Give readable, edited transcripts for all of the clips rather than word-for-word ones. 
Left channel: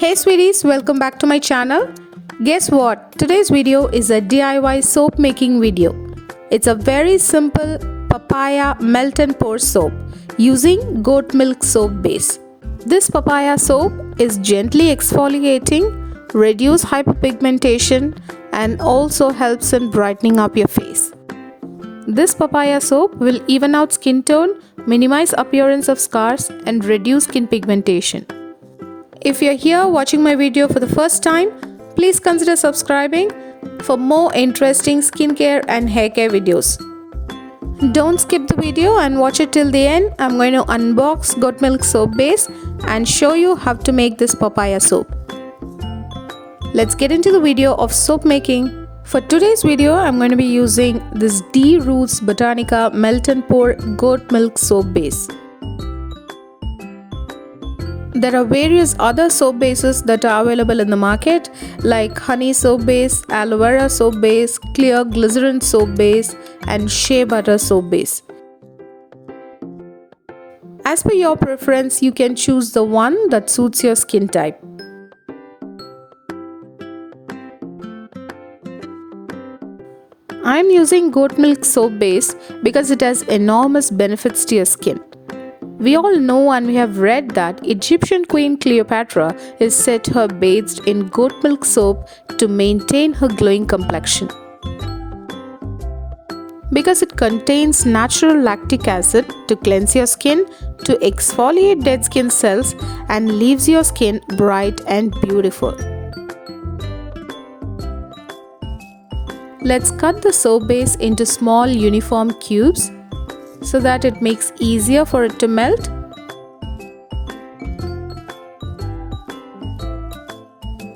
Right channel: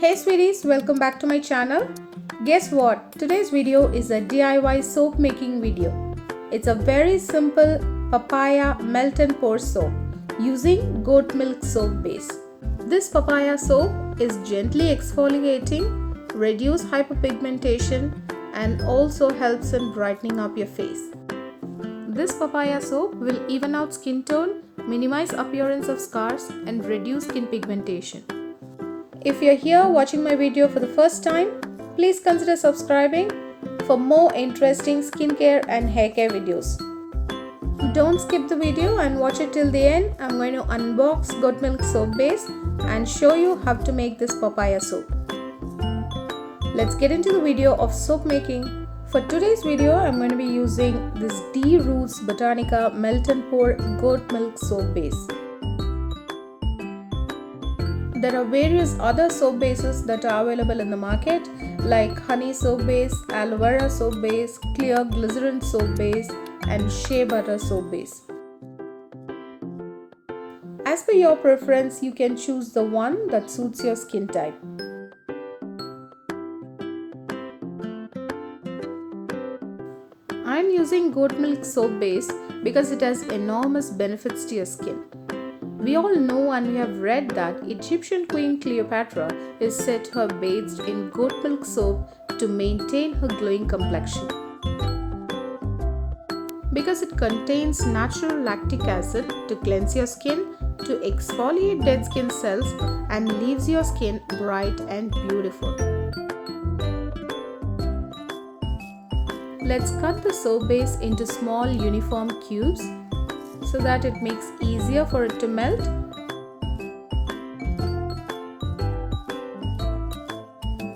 Hey sweeties, welcome back to my channel. Guess what? Today's video is a DIY soap making video. It's a very simple papaya melt and pour soap using goat milk soap base. This papaya soap is gently exfoliating, reduce hyperpigmentation, and also helps in brightening up your face. This papaya soap will even out skin tone, minimize appearance of scars, and reduce skin pigmentation. If you're here watching my video for the first time, please consider subscribing for more interesting skincare and hair care videos. Don't skip the video and watch it till the end. I'm going to unbox goat milk soap base and show you how to make this papaya soap. Let's get into the video of soap making. For today's video, I'm going to be using this D Roots Botanica Melt and Pour Goat Milk Soap Base. There are various other soap bases that are available in the market like honey soap base, aloe vera soap base, clear glycerin soap base, and shea butter soap base. As per your preference, you can choose the one that suits your skin type. I am using goat milk soap base because it has enormous benefits to your skin. We all know and we have read that Egyptian Queen Cleopatra is said to have bathed in goat milk soap to maintain her glowing complexion. Because it contains natural lactic acid to cleanse your skin, to exfoliate dead skin cells, and leaves your skin bright and beautiful. Let's cut the soap base into small uniform cubes so that it makes easier for it to melt.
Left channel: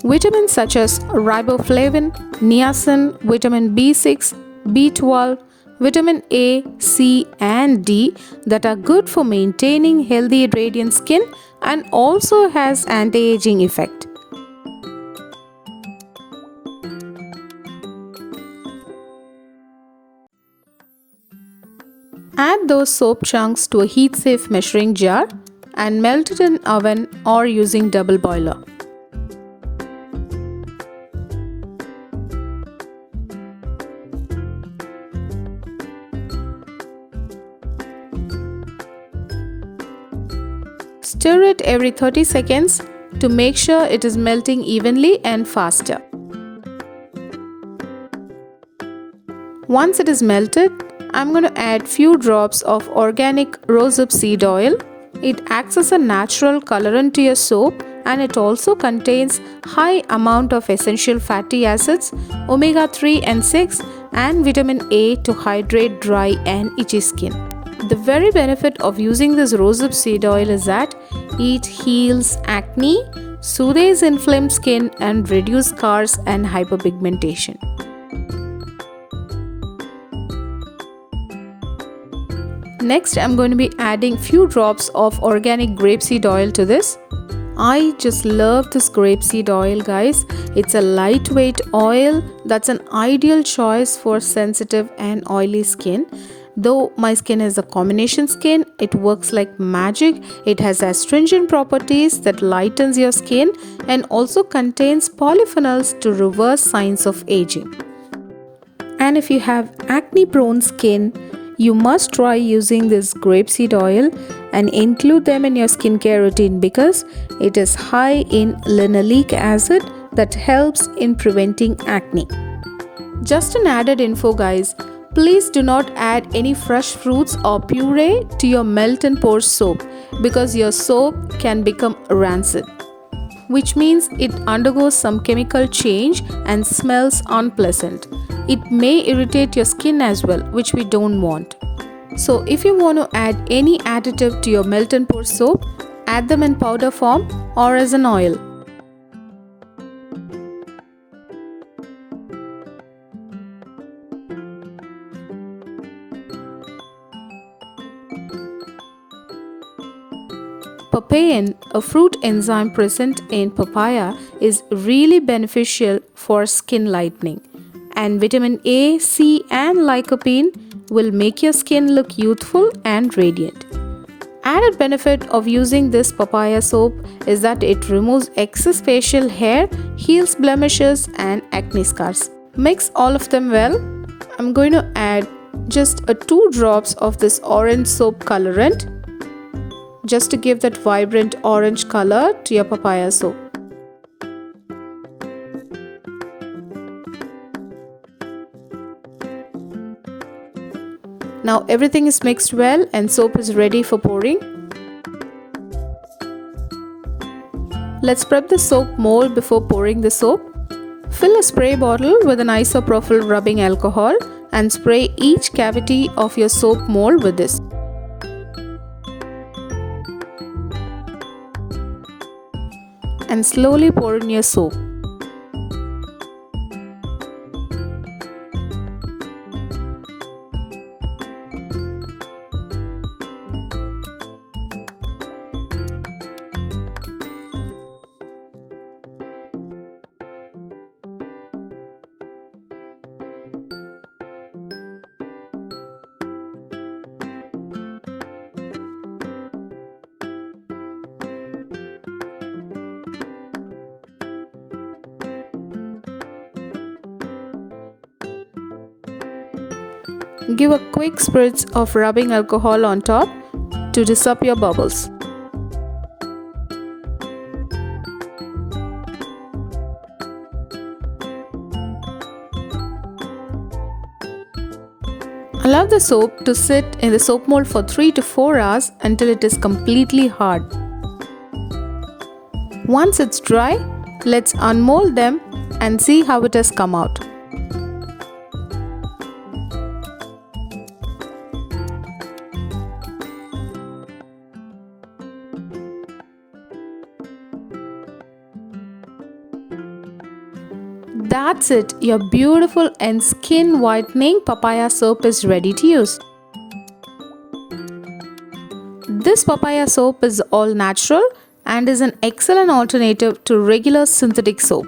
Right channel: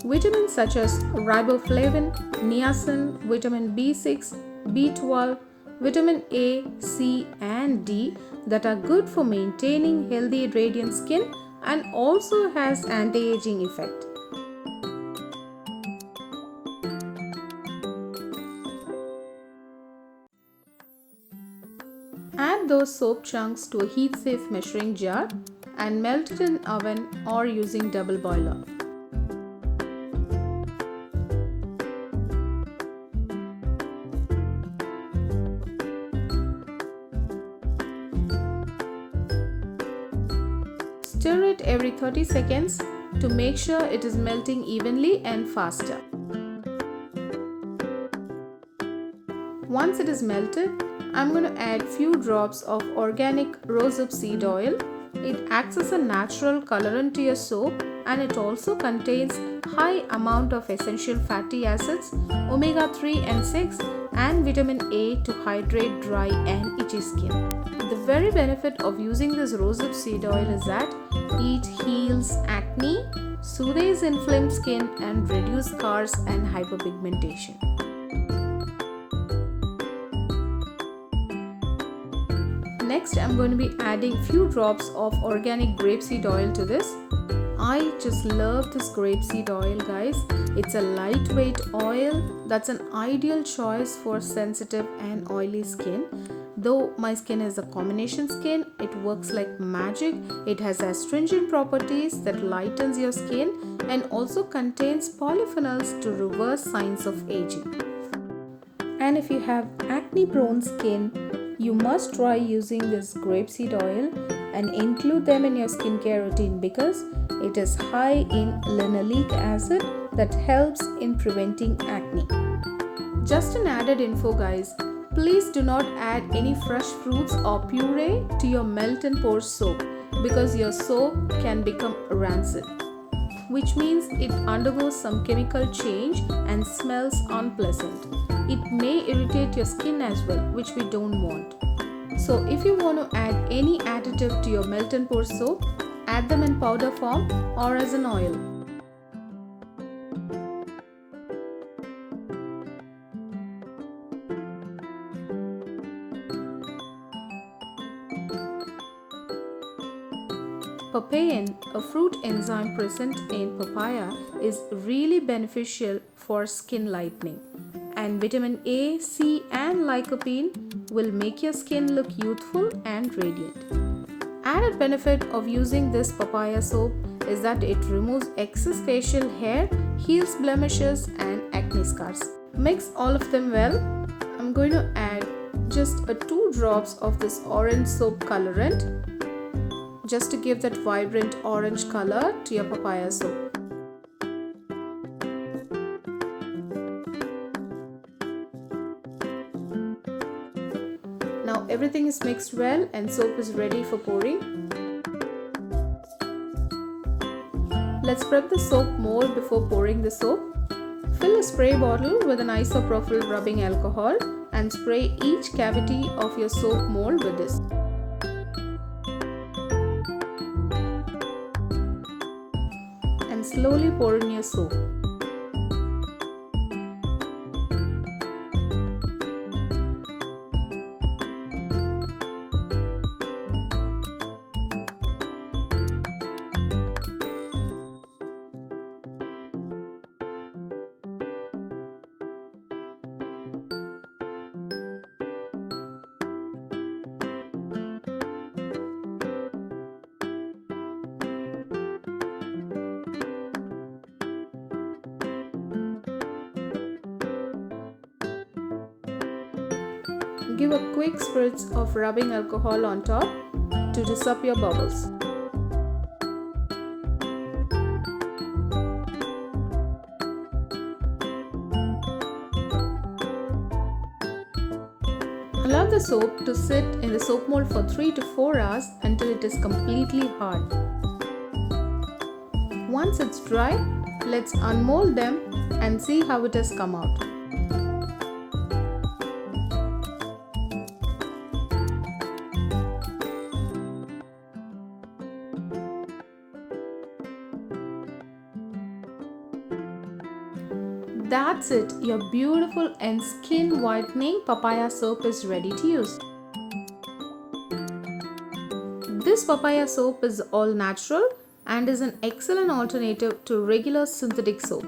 Vitamins such as riboflavin, niacin, vitamin B6, B12, vitamin A, C and D that are good for maintaining healthy radiant skin and also has anti-aging effect. Add those soap chunks to a heat-safe measuring jar and melt it in oven or using double boiler. Stir it every 30 seconds to make sure it is melting evenly and faster. Once it is melted, I'm going to add few drops of organic rosehip seed oil. It acts as a natural colorant to your soap and it also contains high amount of essential fatty acids, omega-3 and 6 and vitamin A to hydrate dry and itchy skin. The very benefit of using this rosehip seed oil is that it heals acne, soothes inflamed skin and reduces scars and hyperpigmentation. Next, I'm going to be adding few drops of organic grapeseed oil to this. I just love this grapeseed oil, guys. It's a lightweight oil that's an ideal choice for sensitive and oily skin. Though my skin is a combination skin, it works like magic. It has astringent properties that lightens your skin and also contains polyphenols to reverse signs of aging. And if you have acne prone skin, you must try using this grapeseed oil and include them in your skincare routine because it is high in linoleic acid that helps in preventing acne. Just an added info, guys, please do not add any fresh fruits or puree to your melt and pour soap because your soap can become rancid, which means it undergoes some chemical change and smells unpleasant. It may irritate your skin as well, which we don't want. So if you want to add any additive to your melt and pour soap, add them in powder form or as an oil. Papain, a fruit enzyme present in papaya, is really beneficial for skin lightening. And vitamin A, C and lycopene will make your skin look youthful and radiant. added benefit of using this papaya soap is that it removes excess facial hair, heals blemishes and acne scars. Mix all of them well. I'm going to add just 2 drops of this orange soap colorant just to give that vibrant orange color to your papaya soap. Now everything is mixed well and soap is ready for pouring. Let's prep the soap mold before pouring the soap. Fill a spray bottle with an isopropyl rubbing alcohol and spray each cavity of your soap mold with this. And slowly pour in your soap. Give a quick spritz of rubbing alcohol on top to dissolve your bubbles. Allow the soap to sit in the soap mold for 3 to 4 hours until it is completely hard. Once it's dry, let's unmold them and see how it has come out. That's it, your beautiful and skin whitening papaya soap is ready to use. This papaya soap is all natural and is an excellent alternative to regular synthetic soap.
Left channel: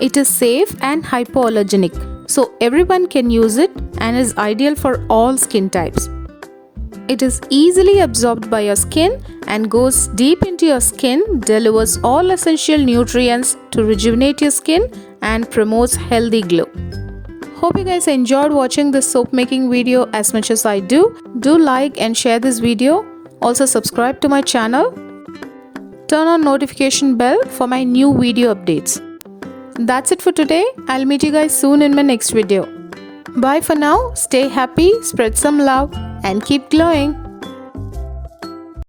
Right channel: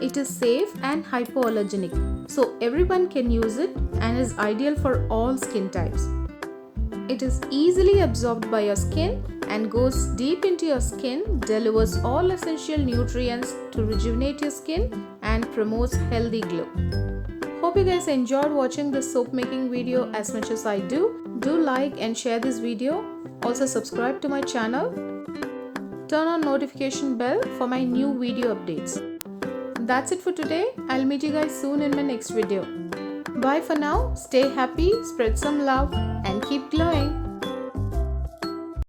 It is safe and hypoallergenic, so everyone can use it and is ideal for all skin types. It is easily absorbed by your skin and goes deep into your skin, delivers all essential nutrients to rejuvenate your skin and promotes healthy glow. Hope you guys enjoyed watching this soap making video as much as I do. Do like and share this video. Also subscribe to my channel. Turn on notification bell for my new video updates. That's it for today. I'll meet you guys soon in my next video. Bye for now. Stay happy, spread some love and keep glowing.